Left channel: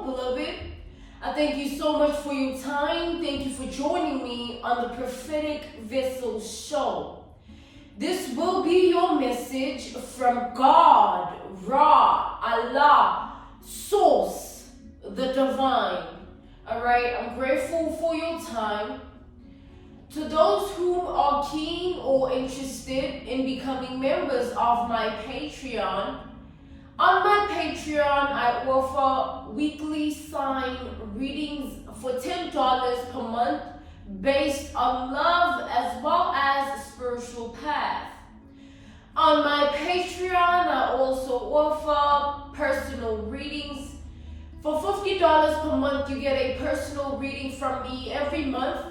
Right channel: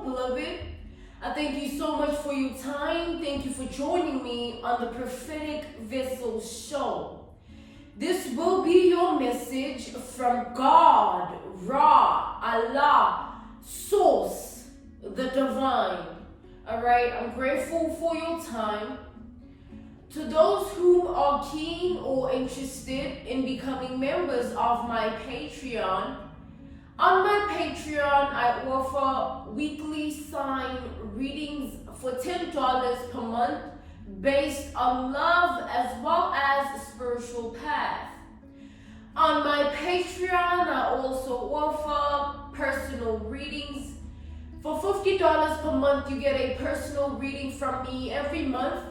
so, beloved. I thank you so much for your time. Thank you for joining me on the Prophetic Vessel Show. This will be your message from God, Ra, Allah, Source, the Divine. All right, I'm grateful for your time. To those who are keen or interested in becoming members of my Patreon, on my Patreon, I offer weekly sign readings for $10 per month based on love as well as spiritual path. On my Patreon, I also offer personal readings. For $50 per month, you get a personal reading from me every month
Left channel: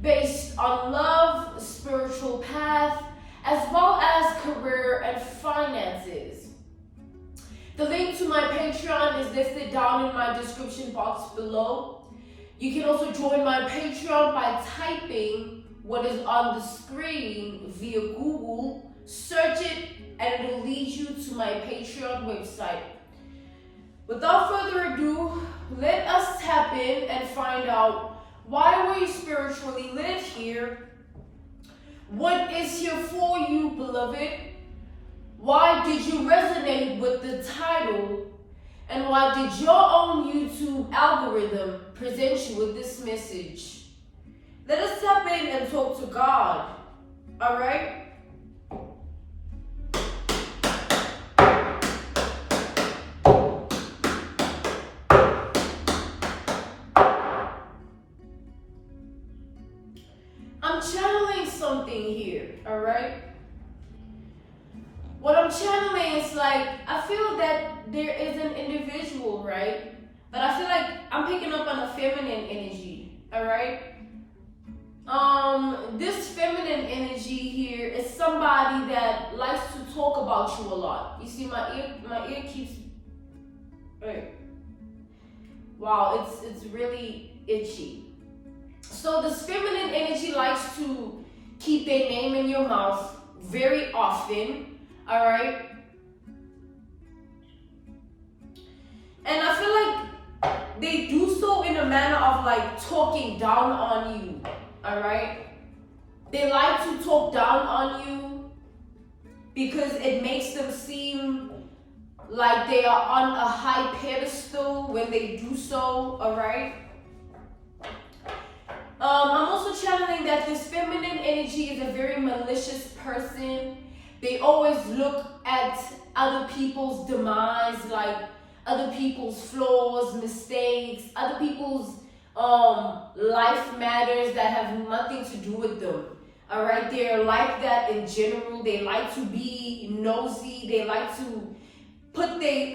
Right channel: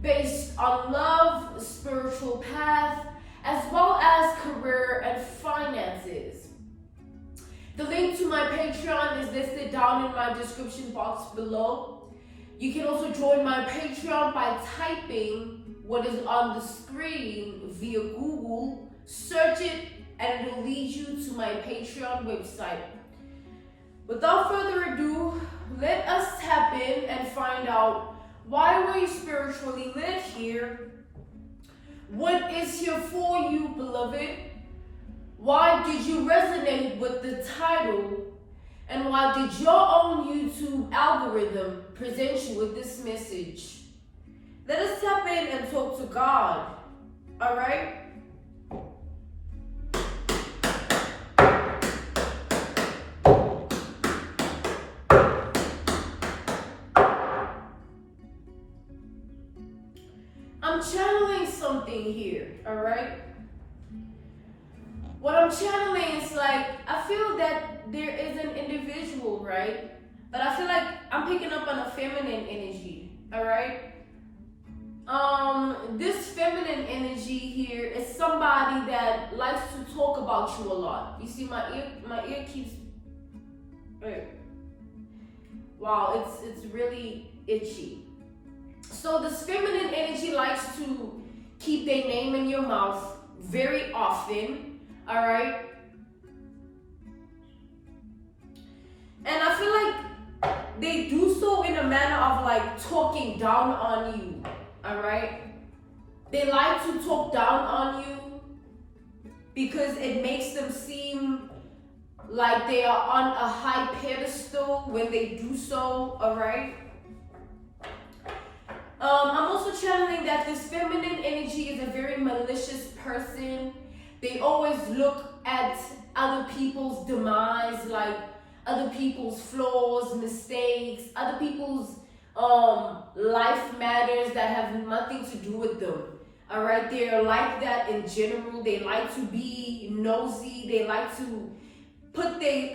based on love, spiritual path, as well as career and finances. The link to my Patreon is listed down in my description box below. You can also join my Patreon by typing what is on the screen via Google, search it, and it will lead you to my Patreon website. Without further ado, let us tap in and find out, why we spiritually live here? What is here for you, beloved? Why did you resonate with the title? And why did your own YouTube algorithm present you with this message? Let us tap in and talk to God, all right? I'm channeling something here, all right? What I'm channeling is like, I feel that there is an individual, right? But I feel like I'm picking up on a feminine energy, all right? This feminine energy here is somebody that likes to talk about you a lot. You see, my ear keeps, right? Wow, it's really itchy. So this feminine energy likes to keep their name in your mouth very often, all right? And I feel like they do so in a manner of like talking down on you, all right? They like to talk down on you because it makes them seem like they are on a high pedestal when they do so, all right? I'm also channeling that this feminine energy is a very malicious person. They always look at other people's demise, like other people's flaws, mistakes, other people's life matters that have nothing to do with them. All right, they're like that in general. They like to be nosy. They like to put their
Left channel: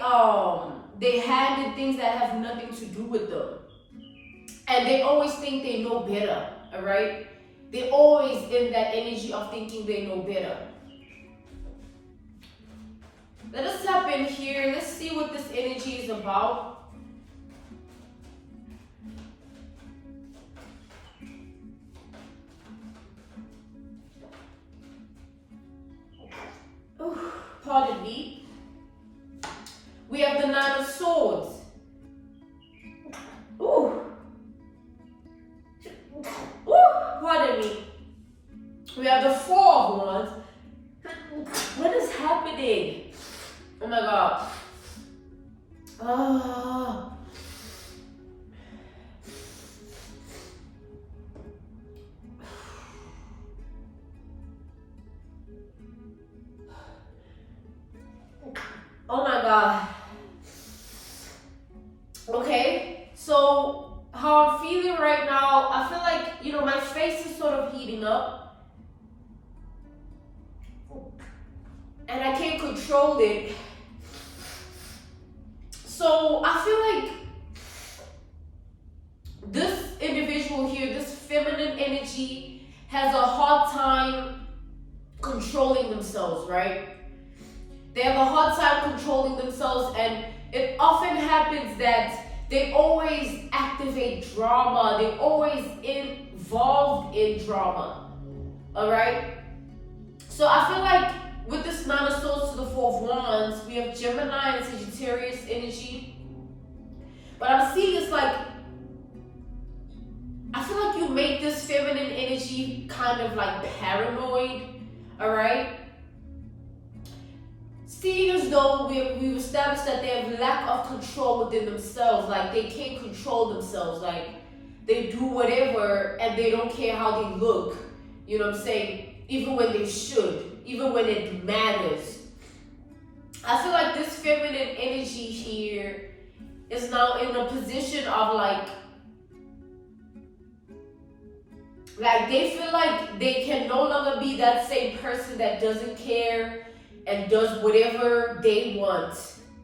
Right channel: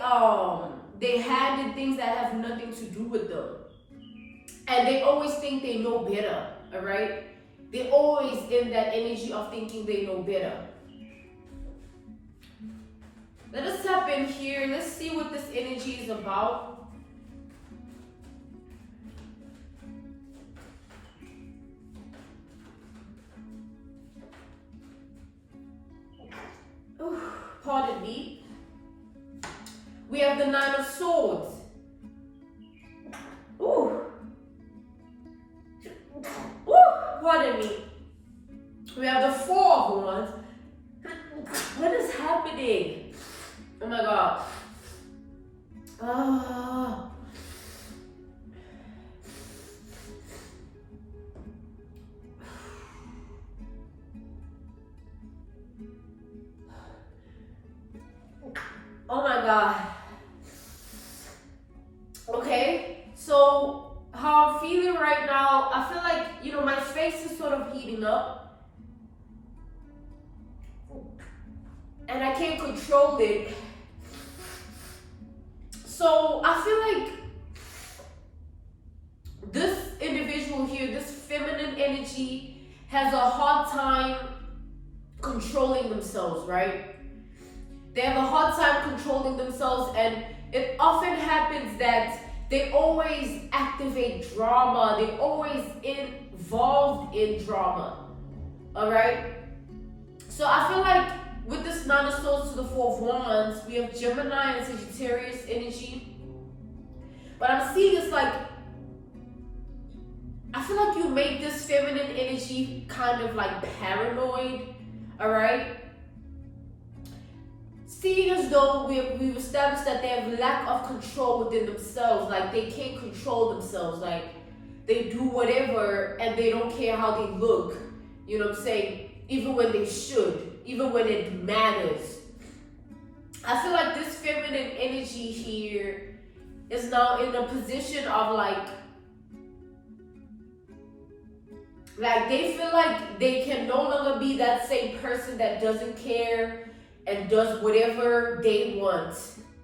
hand in things that have nothing to do with them. And they always think they know better, all right? They're always in that energy of thinking they know better. Let us tap in here. Let's see what this energy is about. Ooh, pardon me. We have the Nine of Swords. Ooh. Pardon me. We have the Four of Wands. What is happening? Oh my God. Oh. Oh my God. Okay, so how I'm feeling right now, I feel like, you know, my face is sort of heating up. And I can't control it. So I feel like this individual here, this feminine energy, has a hard time controlling themselves, right? They have a hard time controlling themselves, and it often happens that they always activate drama. They're always involved in drama, all right? So I feel like with this Nine of Swords to the Four of Wands, we have Gemini and Sagittarius energy. What I'm seeing is like, I feel like you make this feminine energy kind of like paranoid, all right? Seeing as though we've established that they have lack of control within themselves, like they can't control themselves, like they do whatever and they don't care how they look, you know what I'm saying? Even when they should, even when it matters. I feel like this feminine energy here is now in a position of like they feel like they can no longer be that same person that doesn't care and does whatever they want.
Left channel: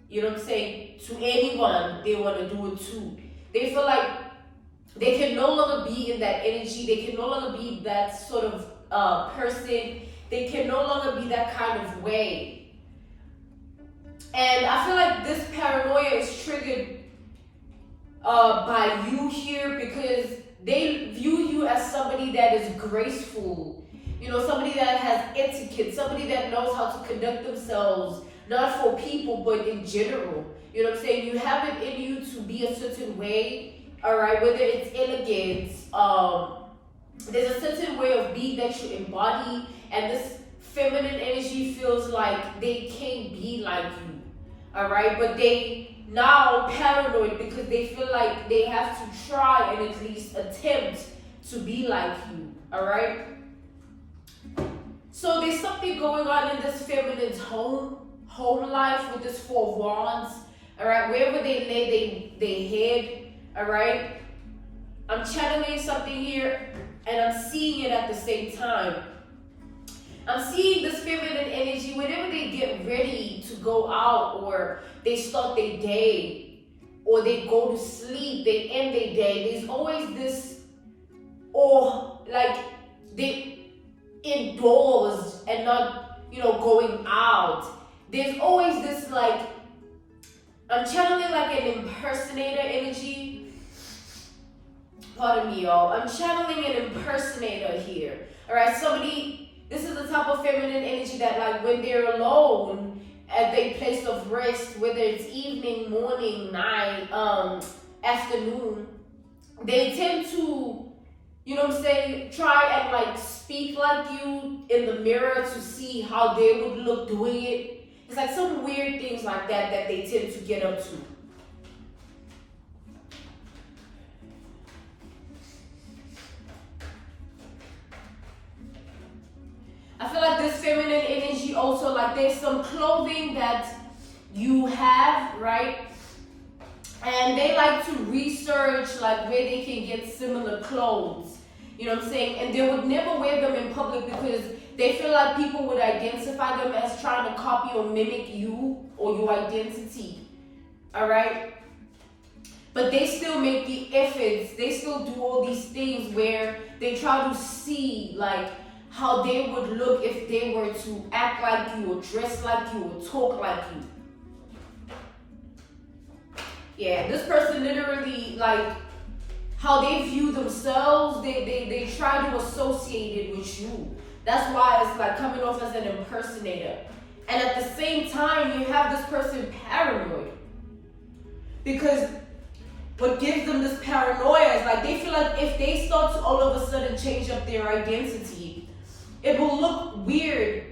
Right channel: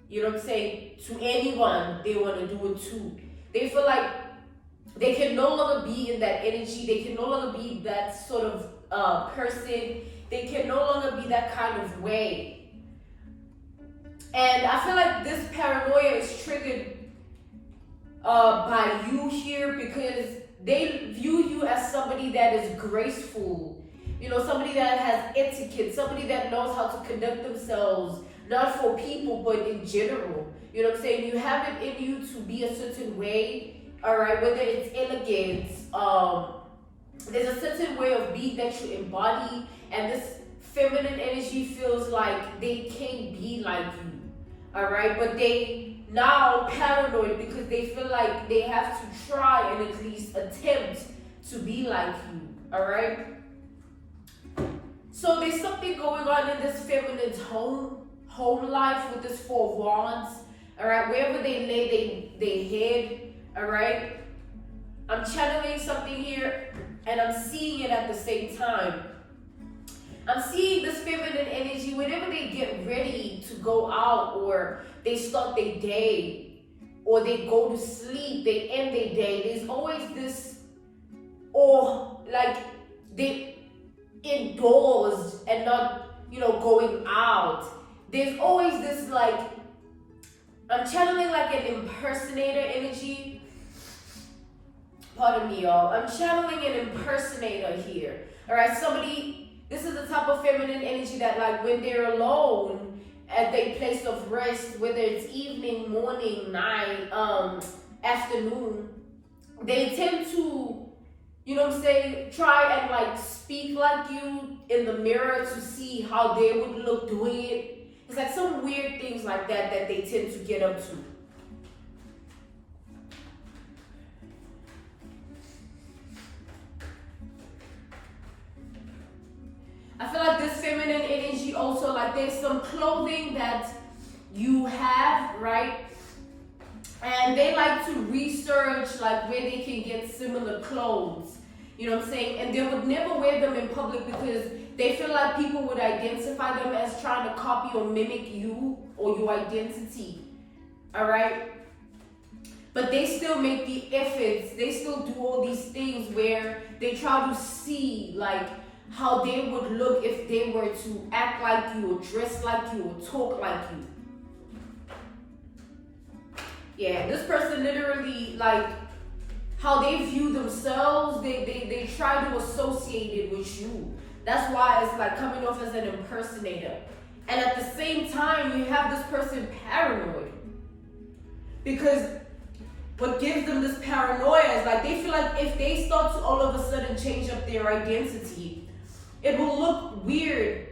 You know what I'm saying? To anyone they want to do it to. They feel like they can no longer be in that energy. They can no longer be that sort of person. They can no longer be that kind of way. And I feel like this paranoia is triggered by you here because they view you as somebody that is graceful, you know, somebody that has etiquette, somebody that knows how to conduct themselves, not for people, but in general. You know what I'm saying? You have it in you to be a certain way, all right, whether it's elegance, there's a certain way of being that you embody, and this feminine energy feels like they can't be like you, all right, but they now paranoid because they feel like they have to try and at least attempt to be like you, all right? So there's something going on in this feminine's home life with this Four of Wands, all right? Wherever they lay their head, all right? I'm channeling something here and I'm seeing it at the same time. I'm seeing this feminine energy whenever they get ready to go out or they start their day or they go to sleep, they end their day. There's always this, or like they indoors and not, you know, going out. There's always this like, I'm channeling like an impersonator energy. Pardon me, y'all. I'm channeling an impersonator here. All right, this is the type of feminine energy that like when they're alone at their place of rest, whether it's evening, morning, night, afternoon, they tend to, you know what I'm saying, try and like speak like you in the mirror to see how they would look doing it. It's like some weird things like that that they tend to get up to. I feel like this feminine energy also, like there's some clothing that you have, right? And they like to research like where they can get similar clothes, you know what I'm saying? And they would never wear them in public because they feel like people would identify them as trying to copy or mimic you or your identity, all right? But they still make the efforts, they still do all these things where they try to see like how they would look if they were to act like you or dress like you or talk like you. Yeah, this person literally, like, how they view themselves, they try to associate it with you. That's why it's like coming off as an impersonator. And at the same time, you have this person paranoid. Because what gives them this paranoia is like they feel like if they start to all of a sudden change up their identity, it will look weird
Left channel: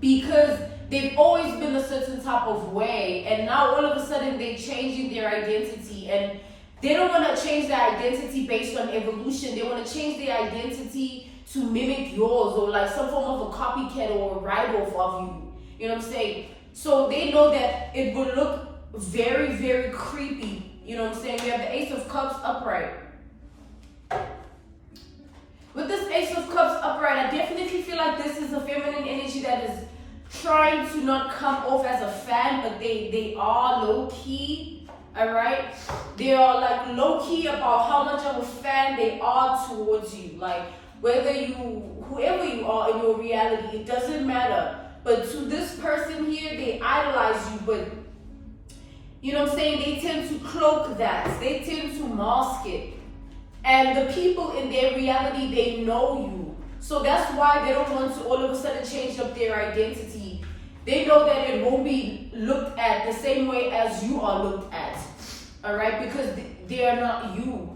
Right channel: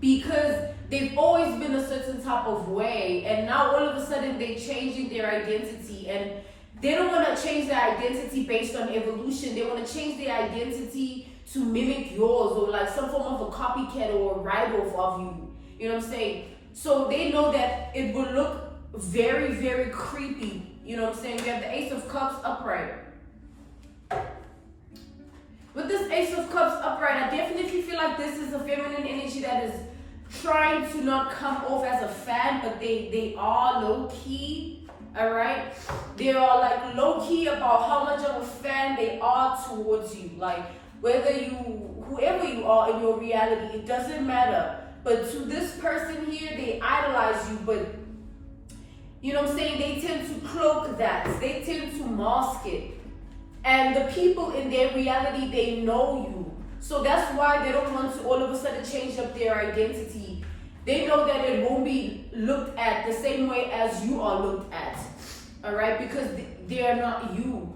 because they've always been a certain type of way, and now all of a sudden they're changing their identity, and they don't want to change their identity based on evolution. They want to change their identity to mimic yours or like some form of a copycat or a write-off of you. You know what I'm saying? So they know that it will look very, very creepy. You know what I'm saying? We have the Ace of Cups upright. With this Ace of Cups upright, I definitely feel like this is a feminine energy that is trying to not come off as a fan, but they are low-key, all right? They are like low-key about how much of a fan they are towards you. Like whoever you are in your reality, it doesn't matter. But to this person here, they idolize you, but you know what I'm saying? They tend to cloak that. They tend to mask it. And the people in their reality, they know you. So that's why they don't want to all of a sudden change up their identity. They know that it won't be looked at the same way as you are looked at. All right? right? Because they are not you.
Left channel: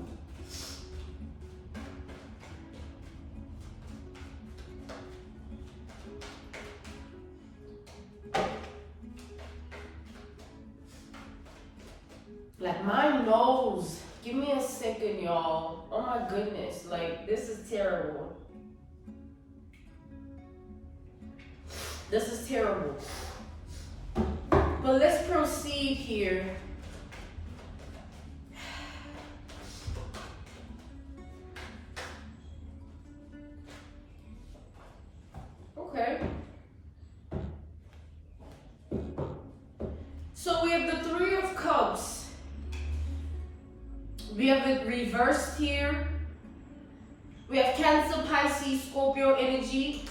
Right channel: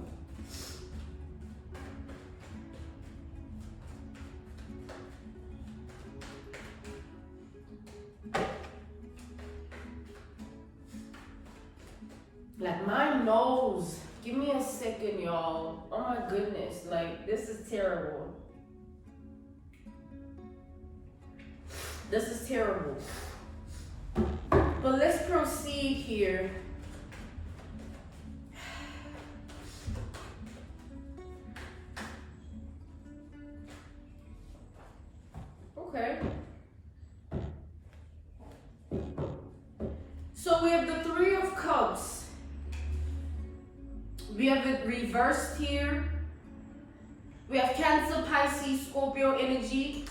Like my nose. Give me a second, y'all. Oh my goodness. Like, this is terrible. This is terrible. But let's proceed here. Okay. So we have the Three of Cups. We have it reversed here. We have Cancer, Pisces, Scorpio energy.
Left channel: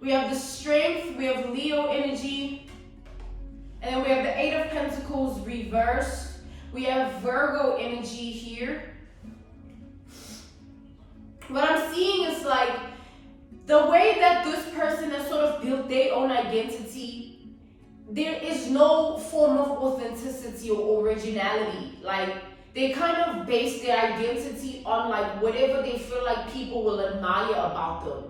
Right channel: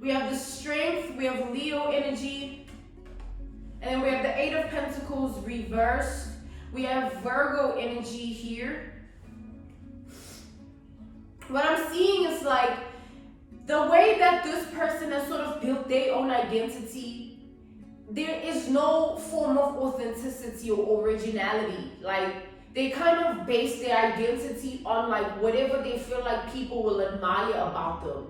We have the Strength. We have Leo energy. And then we have the Eight of Pentacles reversed. We have Virgo energy here. What I'm seeing is like the way that this person has sort of built their own identity. There is no form of authenticity or originality. Like, they kind of base their identity on like whatever they feel like people will admire about them.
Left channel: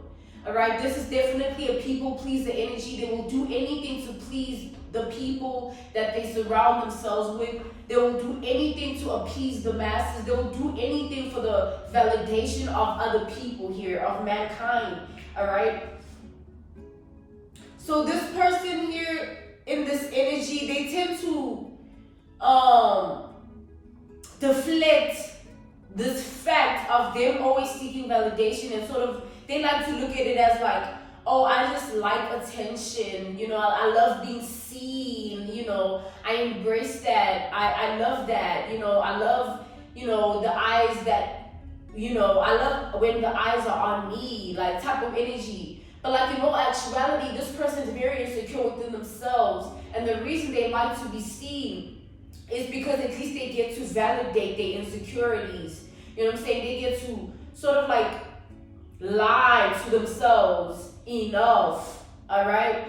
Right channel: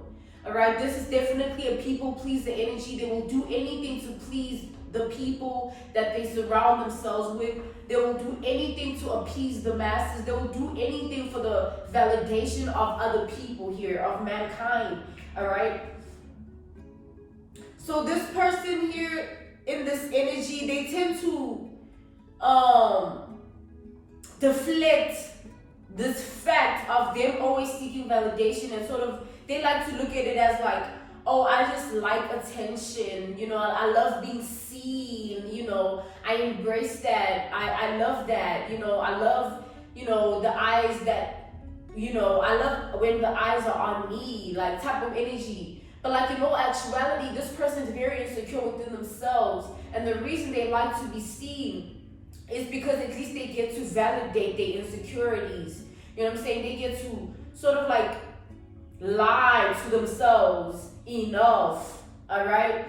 All right, this is definitely a people pleaser energy. They will do anything to please the people that they surround themselves with. They will do anything to appease the masses. They will do anything for the validation of other people here, of mankind. All right. So this person here in this energy, they tend to deflect this fact of them always seeking validation, and sort of they like to look at it as like, oh, I just like attention, you know, I love being seen, you know, I embrace that, I love that, you know, I love, you know, the eyes that, you know, I love when the eyes are on me, like type of energy. But like in all actuality, this person is very insecure within themselves, and the reason they like to be seen is because at least they get to validate their insecurities. You know what I'm saying? They get to sort of like lie to themselves enough, all right?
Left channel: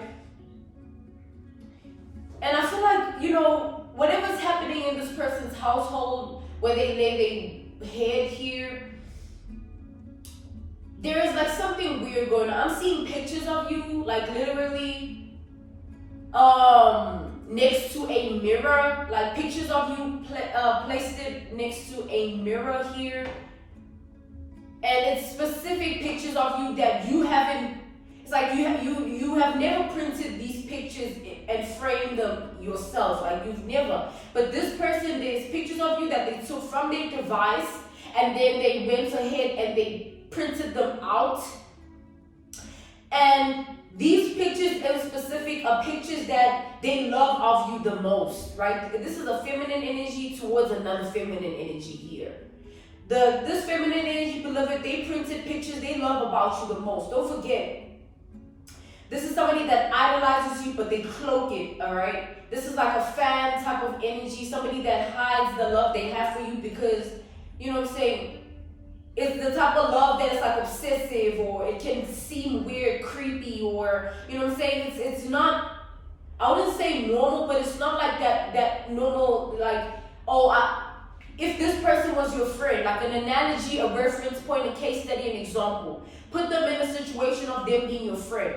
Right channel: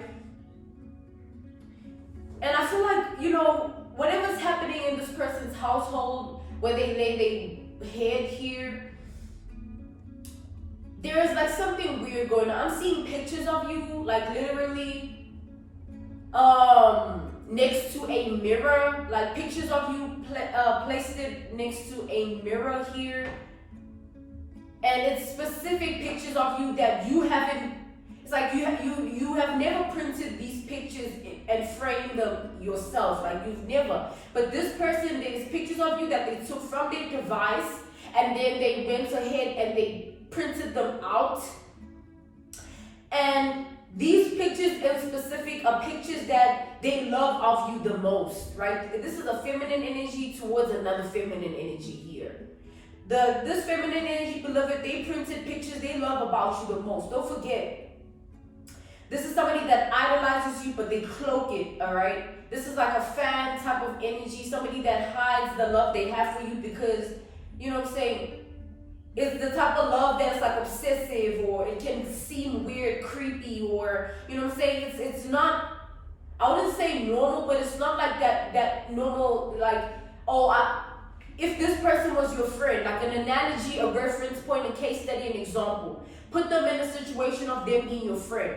And I feel like, you know, whatever's happening in this person's household, where they lay their head here, there is like something weird going on. I'm seeing pictures of you, like literally, next to a mirror, like pictures of you placed it next to a mirror here. And it's specific pictures of you that you haven't, it's like you have never printed these pictures and framed them yourself, like you've never. But this person, there's pictures of you that they took from their device, and then they went ahead and they printed them out. And these pictures in specific are pictures that they love of you the most, right? This is a feminine energy towards another feminine energy here. This feminine energy, beloved, they printed pictures they love about you the most. Don't forget, this is somebody that idolizes you, but they cloak it, all right? This is like a fan type of energy, somebody that hides the love they have for you because, you know what I'm saying, it's the type of love that is like obsessive, or it can seem weird, creepy, or, you know what I'm saying, it's not, I wouldn't say normal, but it's not like that normal, like, oh, if this person was your friend, like an analogy, a reference point, a case study, an example, put them in a situation of them being your friend.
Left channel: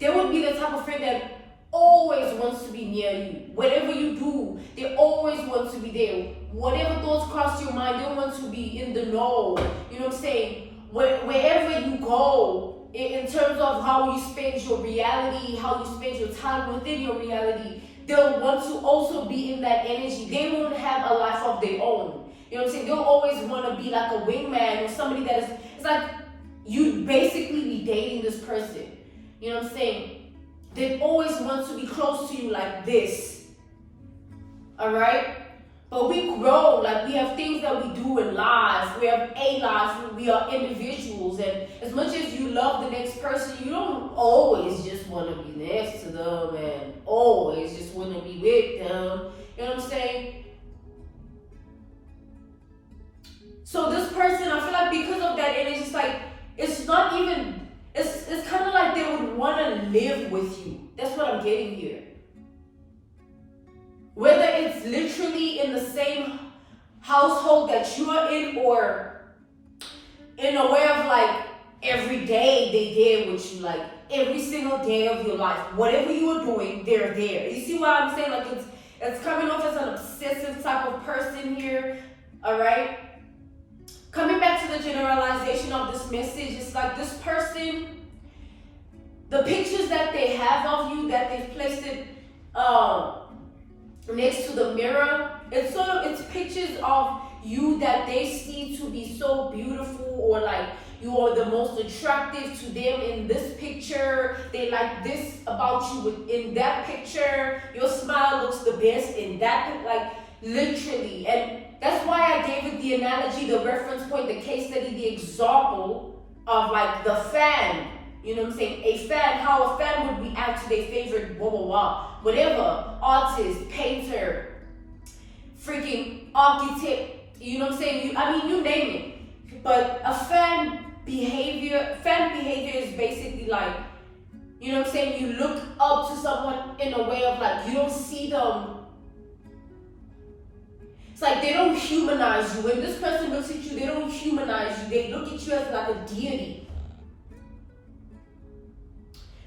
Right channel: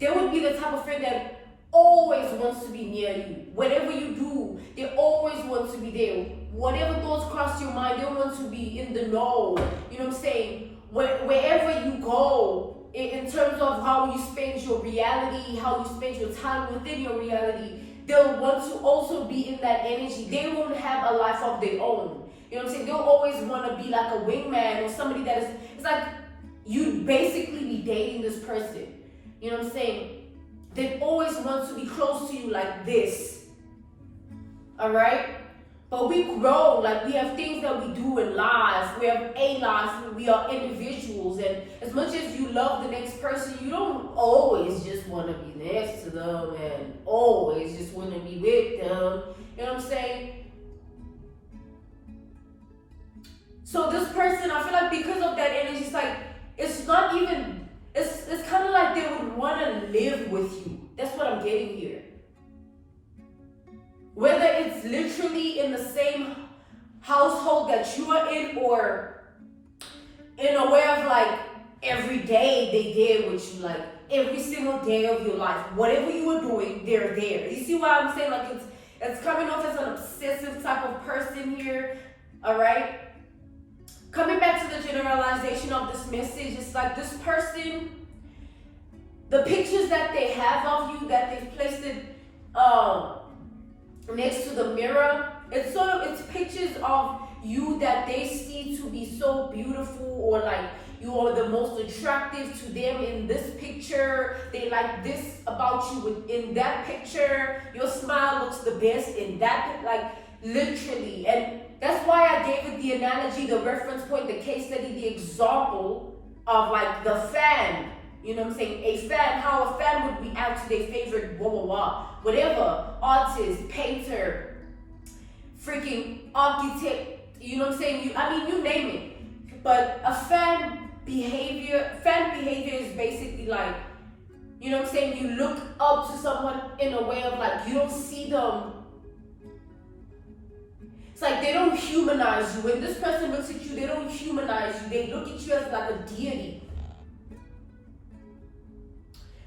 They would be the type of friend that always wants to be near you. Whatever you do, they always want to be there. Whatever thoughts cross your mind, they want to be in the know. You know what I'm saying? Wherever you go, in terms of how you spend your reality, how you spend your time within your reality, they'll want to also be in that energy. They won't have a life of their own. You know what I'm saying? They'll always want to be like a wingman or somebody that is, it's like you basically be dating this person. You know what I'm saying? They always want to be close to you like this. All right? But we grow, like we have things that we do in life. We have a life, we are individuals. And as much as you love the next person, you don't always just want to be next to them and always just want to be with them. You know what I'm saying? So this person, I feel like because of that energy, it's like, it's not even, it's kind of like they would want to live with you. That's what I'm getting here. Whether it's literally in the same household that you're in, or in a way of like every day they there with you, like every single day of your life, whatever you are doing, they're there. You see what I'm saying? Like it's coming off as an obsessive type of person here. All right. Coming back to the generalization of this message, it's like this person, the pictures that they have of you, that they've placed it next to the mirror, it's pictures of you that they see to be so beautiful, or like you are the most attractive to them in this picture. They like this about you in that picture. Your smile looks the best in that, like literally. And that's why I gave it the analogy, the reference point, the case study, the example of like the fan. You know what I'm saying? A fan, how a fan would react to their favorite blah blah blah, whatever, artist, painter, freaking architect. You know what I'm saying? You name it. But a fan behavior is basically like, you know what I'm saying? You look up to someone in a way of like, you don't see them. It's like they don't humanize you. When this person looks at you, they don't humanize you. They look at you as like a deity.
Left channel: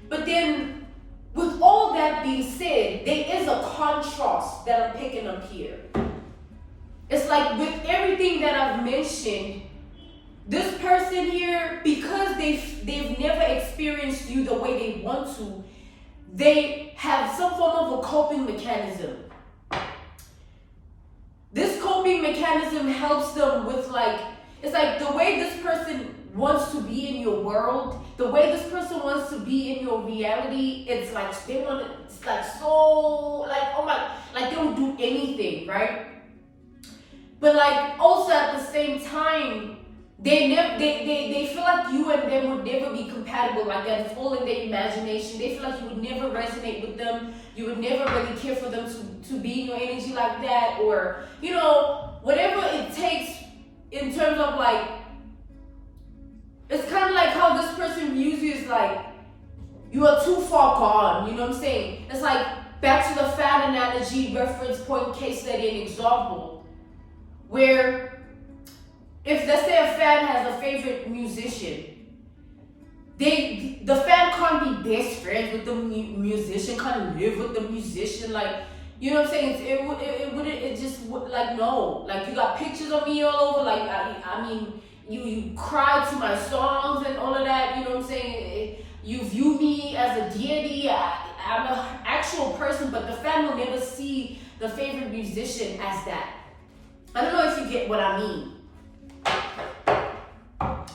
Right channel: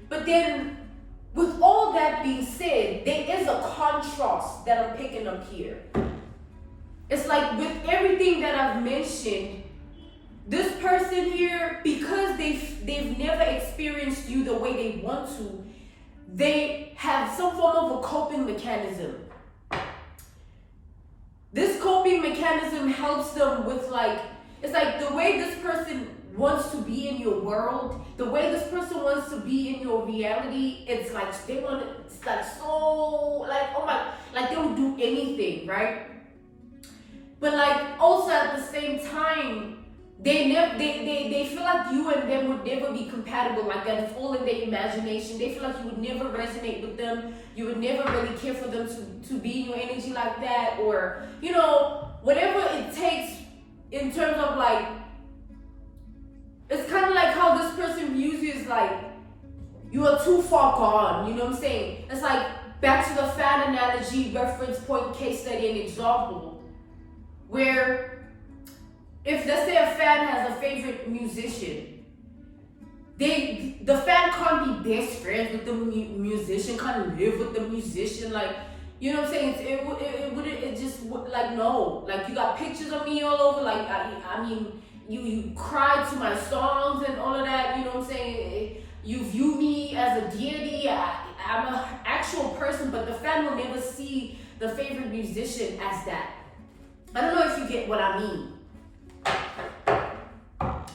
But then, with all that being said, there is a contrast that I'm picking up here. It's like with everything that I've mentioned, this person here, because they've never experienced you the way they want to, they have some form of a coping mechanism. This coping mechanism helps them with like, it's like the way this person wants to be in your world, the way this person wants to be in your reality, it's like it's like so like, oh my, like they don't do anything, right? But like also at the same time, they feel like you and them would never be compatible, like that it's all in their imagination. They feel like you would never resonate with them. You would never really care for them to be in your energy like that, or, you know, whatever it takes in terms of like, it's kind of like how this person views you is like, you are too far gone, you know what I'm saying? It's like, back to the fan analogy, reference point, case study, and example, where if, let's say, a fan has a favorite musician, the fan can't be best friends with the musician, can't live with the musician, like, you know what I'm saying? It just would, like, no, like, you got pictures of me all over, like, I mean, you cry to my songs and all of that, you know what I'm saying? You view me as a deity. I'm an actual person, but the fan will never see the favorite musician as that. I don't know if you get what I mean.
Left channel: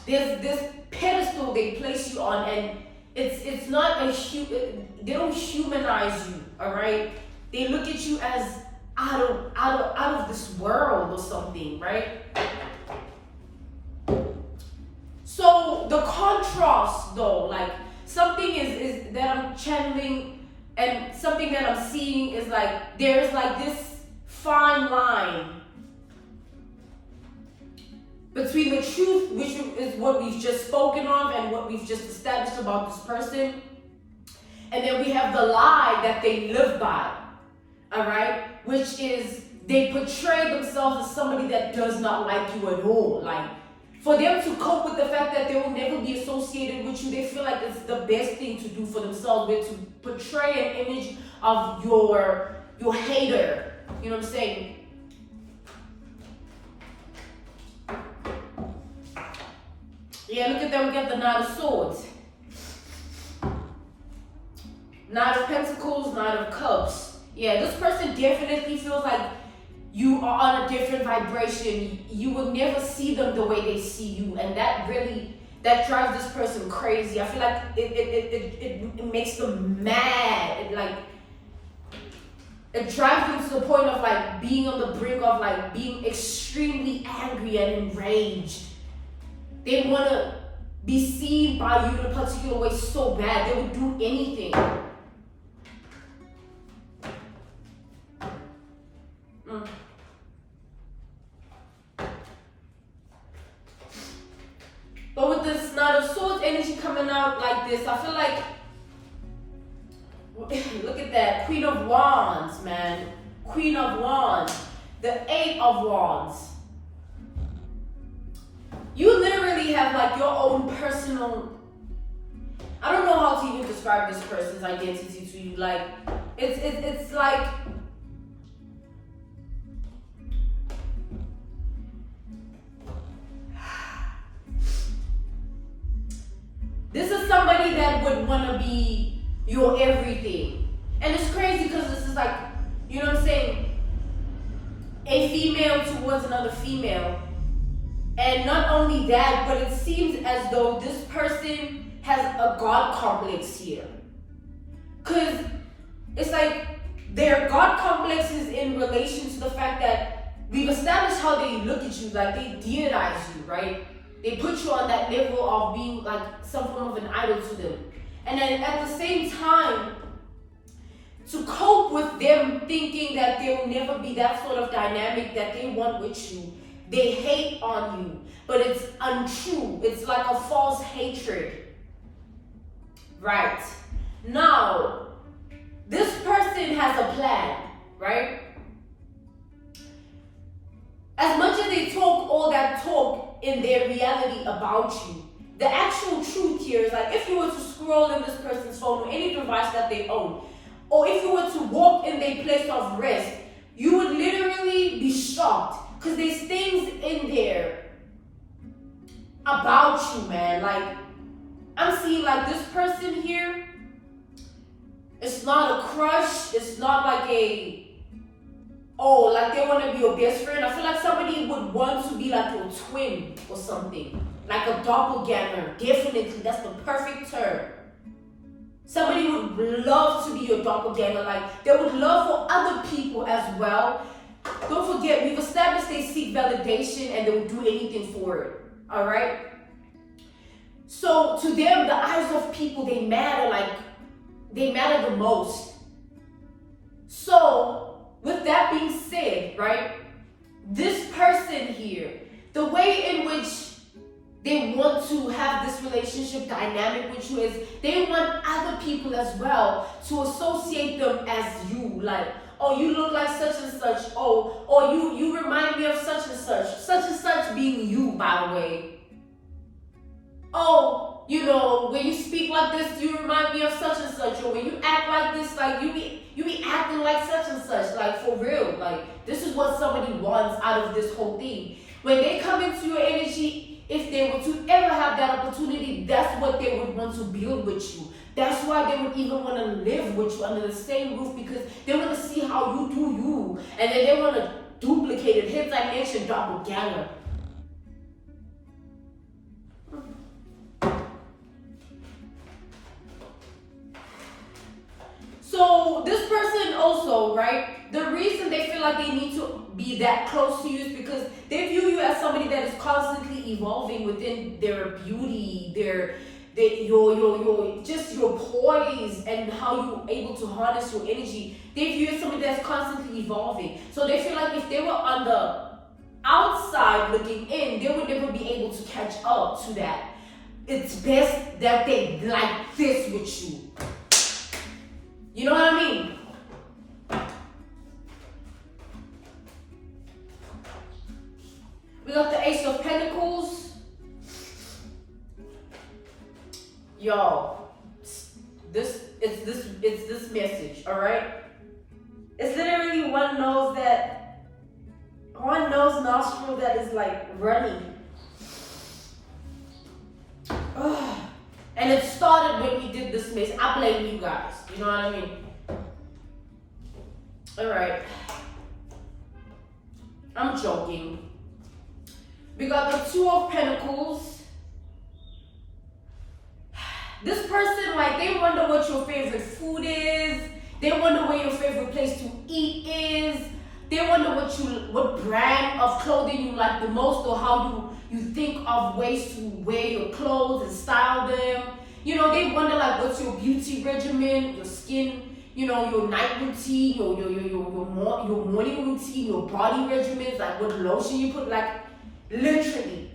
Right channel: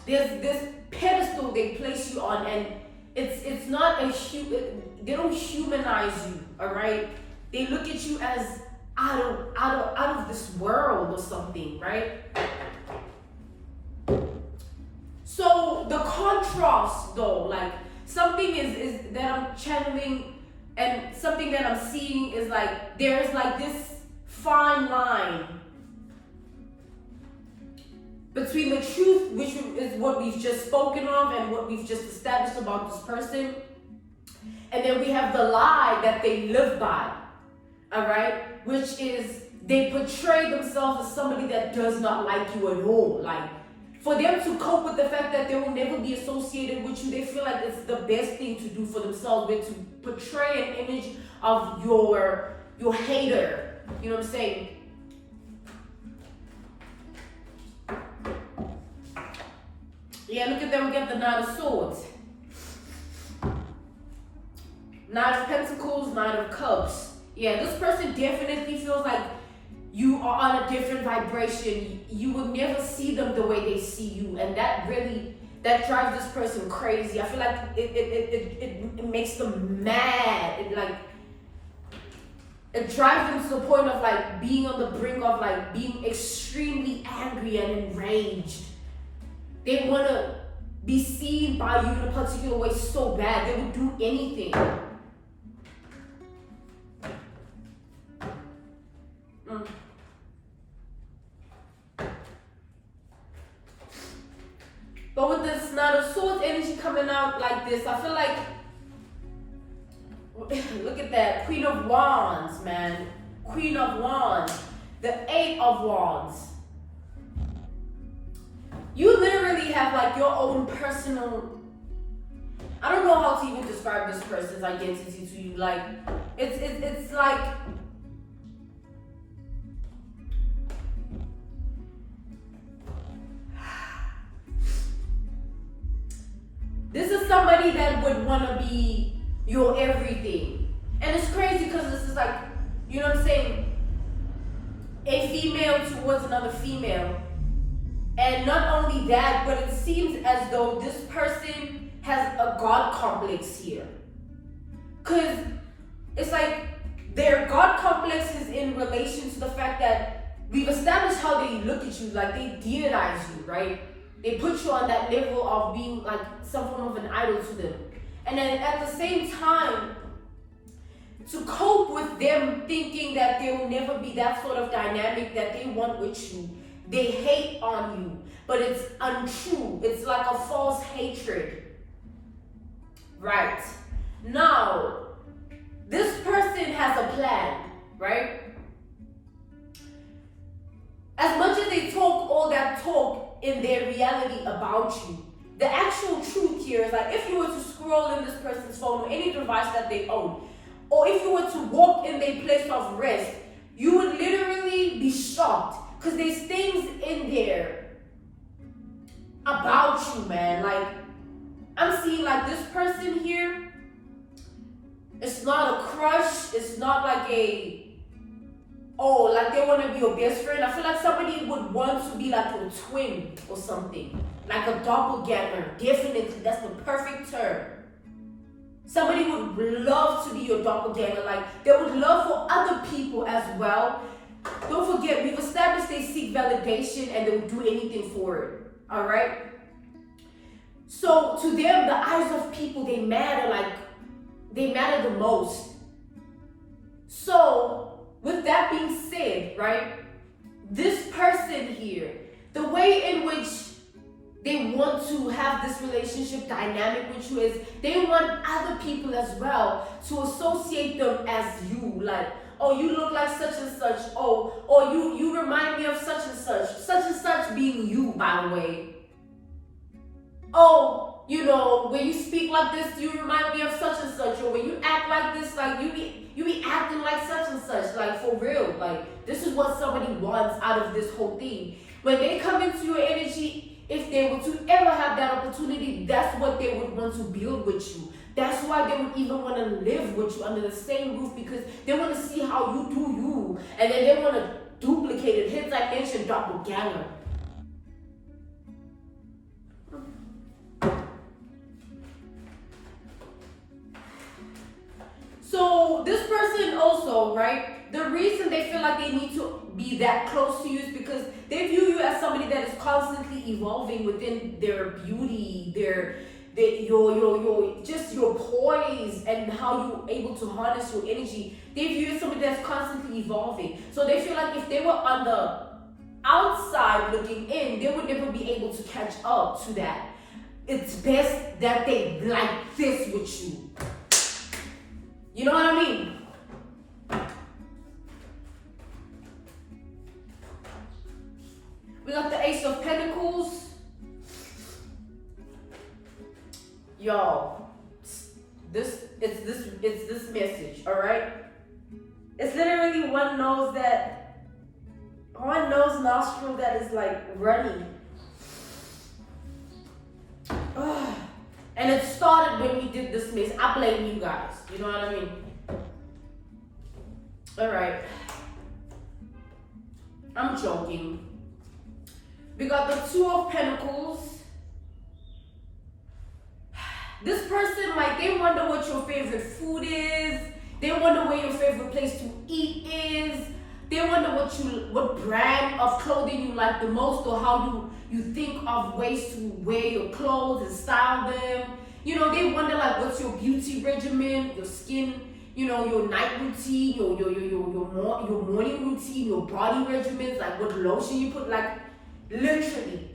There's this pedestal they place you on, and it's not they don't humanize you, all right? They look at you as out of this world or something, right? So the contrast though, like something is that I'm channeling, and something that I'm seeing is like there's like this fine line between the truth, which is what we've just spoken of and what we've just established about this person, and then we have the lie that they live by, all right? Which is they portray themselves as somebody that does not like you at all. Like, for them to cope with the fact that they will never be associated with you, they feel like it's the best thing to do for themselves, but to portray an image of your hater. You know what I'm saying? Yeah, look at them, we got the Knight of Swords. Knight of Pentacles, Knight of Cups. Yeah, this person definitely feels like you are on a different vibration. You will never see them the way they see you. And that drives this person crazy. I feel like it makes them mad. It drives them to the point of like being on the brink of like being extremely angry and enraged. They want to be seen by you in a particular way so bad. They would do anything. But with this Knight of Swords energy coming out like this, I feel like, look at that, Queen of Wands, man. Queen of Wands, the Eight of Wands. You literally have like your own personal, I don't know how to even describe this person's identity to you. Like, it's like, this is somebody that would want to be your everything. And it's crazy because this is like, you know what I'm saying? A female towards another female. And not only that, but it seems as though this person has a God complex here. Because it's like their God complex is in relation to the fact that we've established how they look at you, like they deionize you, right? They put you on that level of being like some form of an idol to them. And then at the same time, to cope with them thinking that there will never be that sort of dynamic that they want with you, they hate on you, but it's untrue. It's like a false hatred. Right. Now, this person has a plan, right? As much as they talk all that talk in their reality about you, the actual truth here is like if you were to scroll in this person's phone or any device that they own, or if you were to walk in their place of rest, you would literally be shocked. Because there's things in there about you, man. Like, I'm seeing like this person here, it's not a crush. It's not like like they want to be your best friend. I feel like somebody would want to be like your twin or something. Like a doppelganger. Definitely, that's the perfect term. Somebody would love to be your doppelganger. Like, they would love for other people as well. Don't forget, we've established they seek validation and they will do anything for it. Alright? So to them, the eyes of people, they matter the most. So, with that being said, right, this person here, the way in which they want to have this relationship dynamic with you is they want other people as well to associate them as you. Like, oh, you look like such and such. Oh, or you remind me of such and such being you, by the way. Oh, you know, when you speak like this, you remind me of such and such. Or when you act like this, like you be acting like such and such. Like, for real. Like, this is what somebody wants out of this whole thing. When they come into your energy, if they were to ever have that opportunity, that's what they would want to build with you. That's why they would even want to live with you under the same roof, because they want to see how you do you. And then they want to duplicate it. Hence I mentioned doppelganger. So this person also, right, the reason they feel like they need to be that close to you is because they view you as somebody that is constantly evolving within their beauty, your poise, and how you're able to harness your energy. They view you as somebody that's constantly evolving. So they feel like if they were on the outside looking in, they would never be able to catch up to that. It's best that they like this with you. You know what I mean? We got the Ace of Pentacles. Yo, it's this message, all right? It's literally one nose nostril that is like running. Ugh. And it started when we did this mess. I blame you guys. You know what I mean? Alright. I'm joking. We got the Two of Pentacles. This person, like, they wonder what your favorite food is. They wonder where your favorite place to eat is. They wonder what brand of clothing you like the most, or how you think of ways to wear your clothes and style them. You know, they wonder like what's your beauty regimen, your skin, you know, your night routine, your morning routine, your body regimens, like what lotion you put, like literally.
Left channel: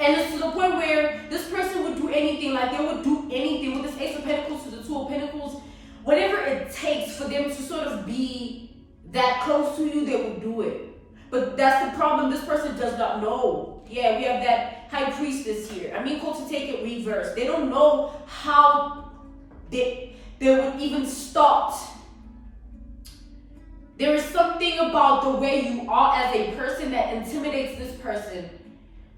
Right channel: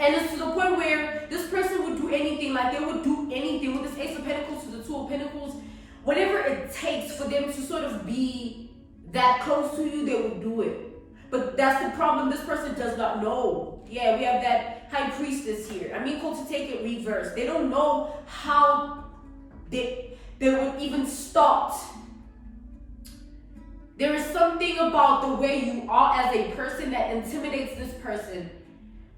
And it's to the point where this person would do anything, like they would do anything with this Ace of Pentacles to the Two of Pentacles. whatever it takes for them to sort of be that close to you, they will do it. But that's the problem. This person does not know. Yeah, we have that high priestess here. I mean, to take it reverse. They don't know how they would even start. There is something about the way you are as a person that intimidates this person.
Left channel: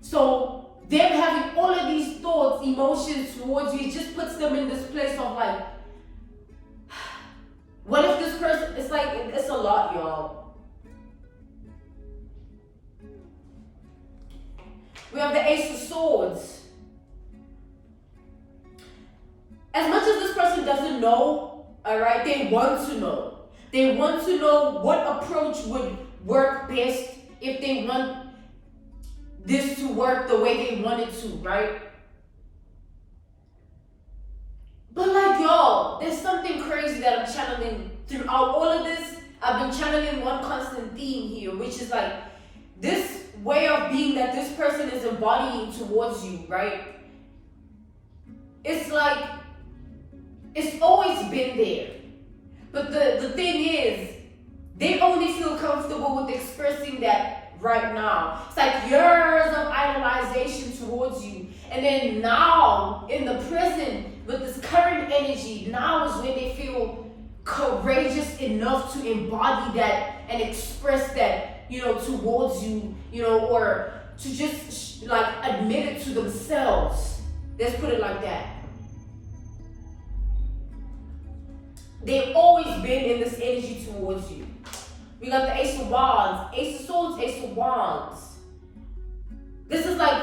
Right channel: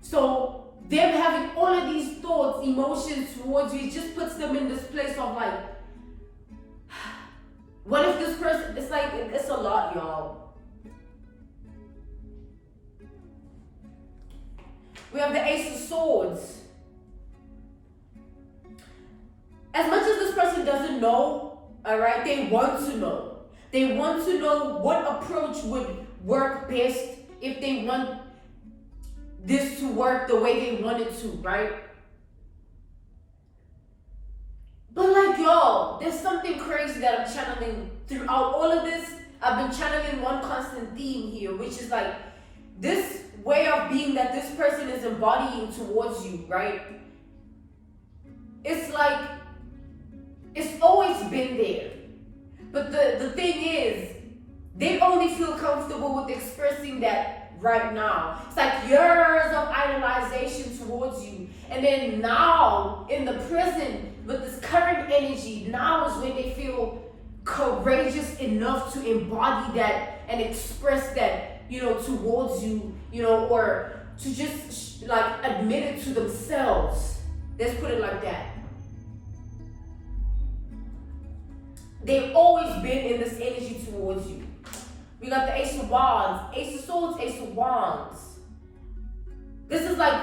So them having all of these thoughts, emotions towards you, it just puts them in this place of like, what if this person, it's like, it's a lot, y'all. We have the Ace of Swords. As much as this person doesn't know, all right, they want to know. They want to know what approach would work best if they want this to work the way they want it to, right? But like, y'all, there's something crazy that I'm channeling throughout all of this. I've been channeling one constant theme here, which is like this way of being that this person is embodying towards you, right? It's like, it's always been there. But the thing is, they only feel comfortable with expressing that right now. It's like years of idolization towards you. And then now, in the present, with this current energy, now is when they feel courageous enough to embody that and express that, you know, towards you, you know, or to just like admit it to themselves. Let's put it like that. They've always been in this energy towards you. We got the Ace of Wands, Ace of Swords, Ace of Wands. This is like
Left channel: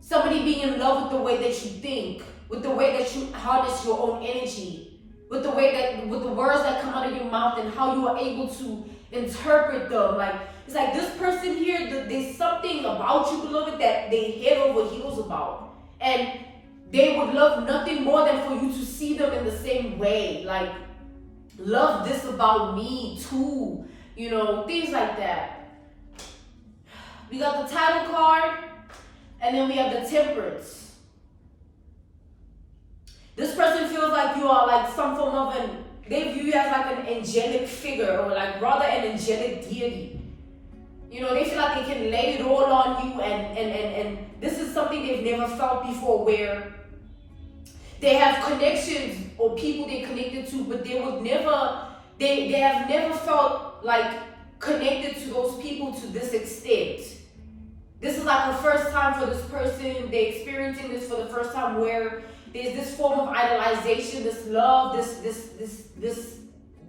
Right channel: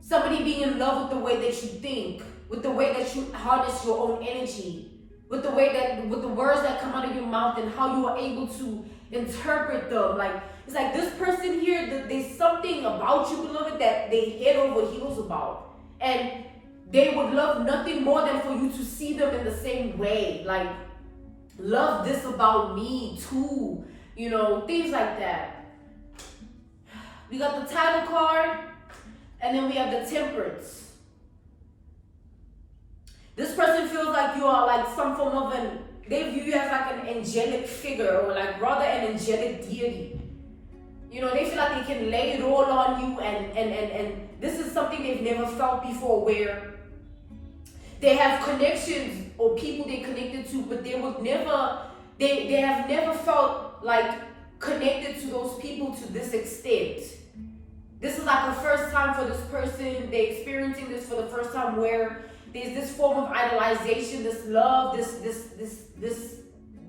somebody being in love with the way that you think, with the way that you harness your own energy, with the way that, with the words that come out of your mouth and how you are able to interpret them. Like, it's like this person here, there's something about you, beloved, that they head over heels about. And they would love nothing more than for you to see them in the same way. Like, love this about me too. You know, things like that. We got the title card, and then we have the Temperance. This person feels like you are like some form of they view you as like an angelic figure, or like rather an angelic deity. You know, they feel like they can lay it all on you, and this is something they've never felt before, where they have connections or people they connected to, but they would never, they have never felt like connected to those people to this extent. This is like a first time for this person. They're experiencing this for the first time, where there's this form of idolization, this love,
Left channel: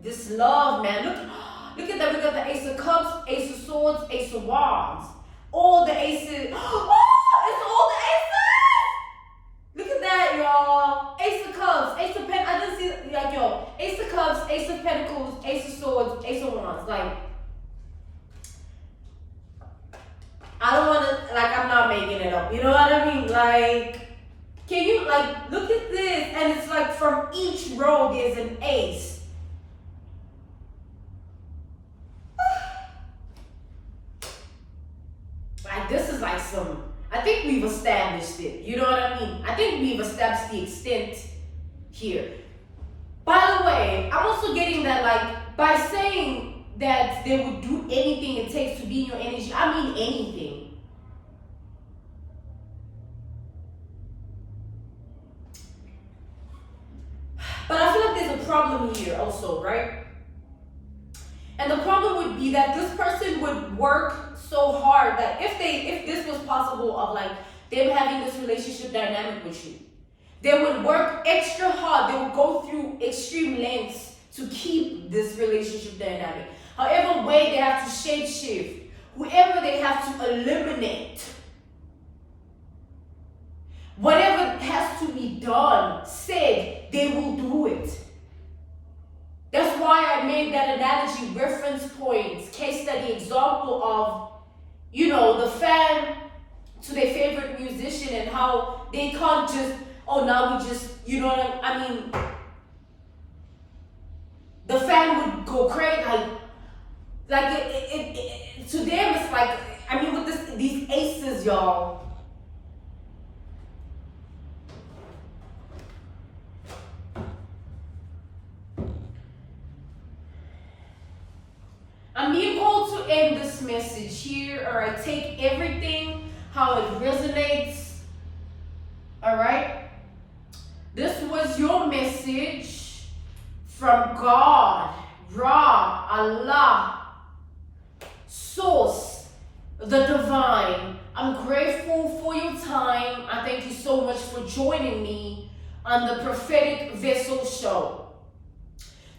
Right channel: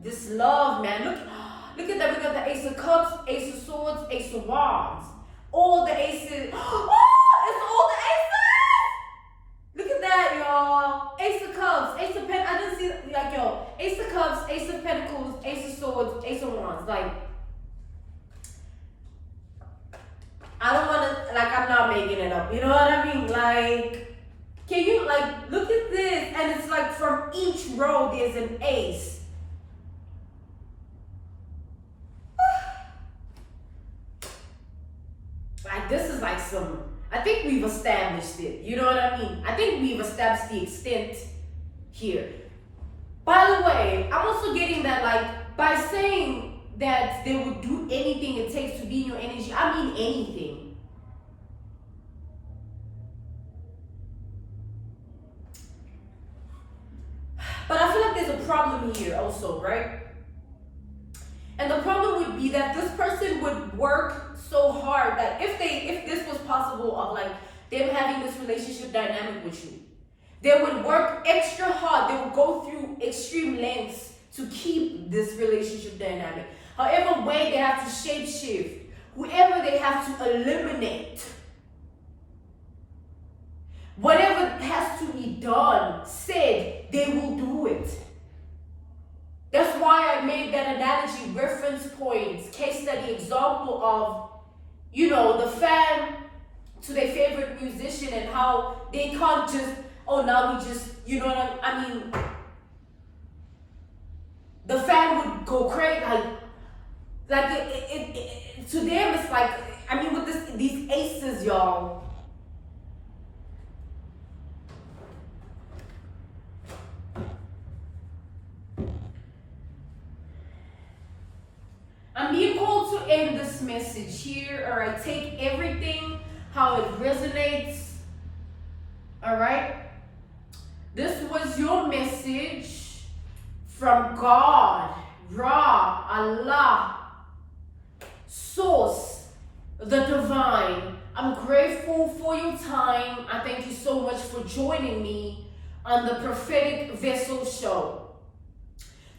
this love, man. Look at that. We got the Ace of Cups, Ace of Swords, Ace of Wands. All the aces. Oh, it's all the aces! Look at that, y'all. Ace of Cups, Ace of Pentacles. I didn't see that. Like, yo, Ace of Cups, Ace of Pentacles, Ace of Swords, Ace of Wands. Like, I don't want to, like, I'm not making it up. You know what I mean? Like, can you, like, look at this. And it's like from each row, there's an ace. Like, this is like some, I think we've established it. You know what I mean? I think we've established the extent here. By the way, I'm also getting that, like, by saying that they would do anything it takes to be in your energy, I mean anything. But I feel like there's a problem here also, right? And the problem would be that this person would work so hard that if this was possible of like them having this relationship dynamic with you, they would work extra hard. They would go through extreme lengths to keep this relationship dynamic. However way they have to shape shift, whoever they have to eliminate, whatever has to be done, said, they will do it. That's why I made that analogy, reference points, case study example of, you know, the fan to their favorite musician and how they can't just, oh, now we just, you know what I mean? The fan would go crazy, like to them it's like, I mean, with these aces, y'all. I'm being called to end this message here, all right? Take everything how it resonates, all right? This was your message from God, Ra, Allah, Source, the Divine. I'm grateful for your time. I thank you so much for joining me on the Prophetic Vessel Show.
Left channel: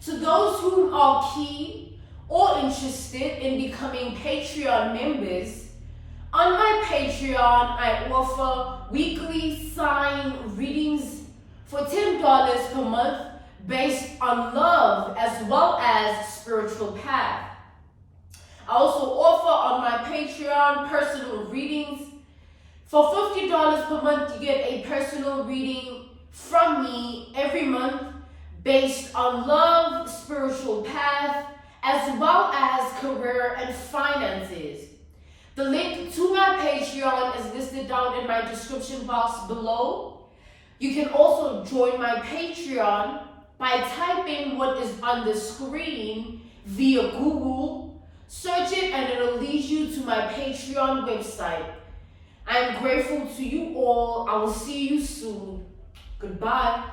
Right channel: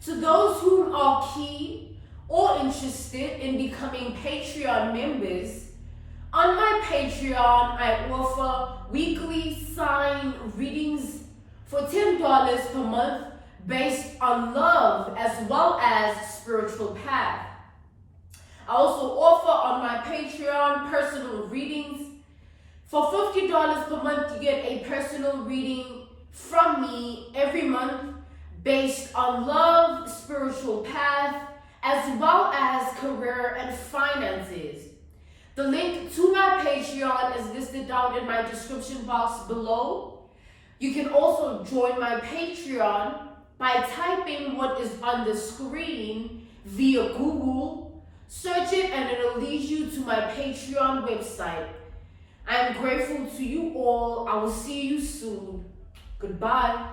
To those who are keen or interested in becoming Patreon members, on my Patreon, I offer weekly sign readings for $10 per month based on love as well as spiritual path. I also offer on my Patreon personal readings. For $50 per month, you get a personal reading from me every month based on love, spiritual path, as well as career and finances. The link to my Patreon is listed down in my description box below. You can also join my Patreon by typing what is on the screen via Google. Search it and it'll lead you to my Patreon website. I am grateful to you all. I will see you soon. Goodbye.